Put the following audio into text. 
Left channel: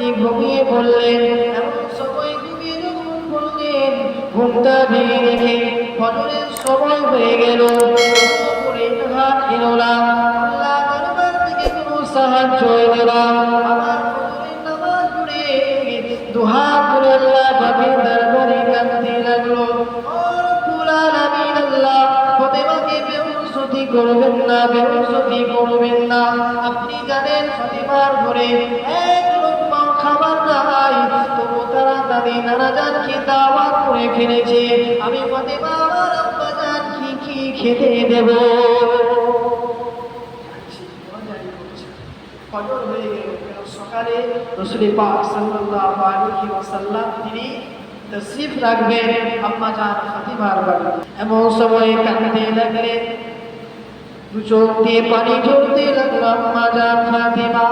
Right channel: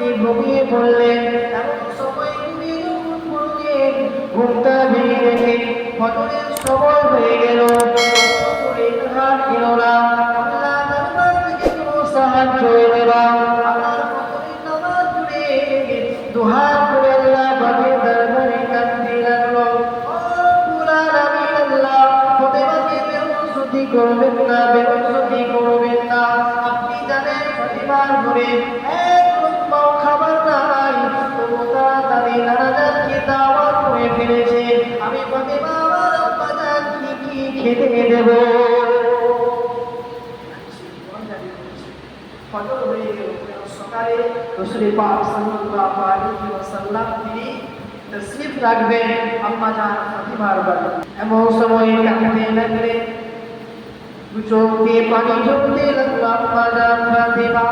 ঘুমিয়ে পড়লেন। এমন সময় ঘুমিয়ে যখন পড়লেন, ঘুমটা ভেঙে রেখে ফজরের সময় হয়ে গেল, করে হাত এলো না, আল্লাহ দরবার থেকে কোনো সাহায্য এলো না। আমার ফজরের নামাজ পড়ে দুহাত করে আল্লাহ পাকের দরবারে কাঁদতে লাগলো, ও রব্বুল আলামিন, আল্লাহ ফাতেমাকে বেহুশতি করবেন না, বেহুশতি করবেন না। আপনি জানেন ফাতেমার ঘরে এক লোকমাও খাবার নাই, তবু তারা তাদের নানাজানকে দাওয়াত করে ফেলেছে। আমি ফাতেমা আমার আব্বাজান কি খেতে দেব? ফজর হয়ে গেল, সকালে রাসূল পাক সাল্লাল্লাহু আলাইহি ওয়াসাল্লাম তিনি তশরিফ রাখবেন আম্মাজান ফাতিমার বাড়ি। এমন সময় কাঁদতে লাগলেন, দু চোখ দিয়ে পানি ঝরতে লাগলো। আম্মাজান ফাতিমা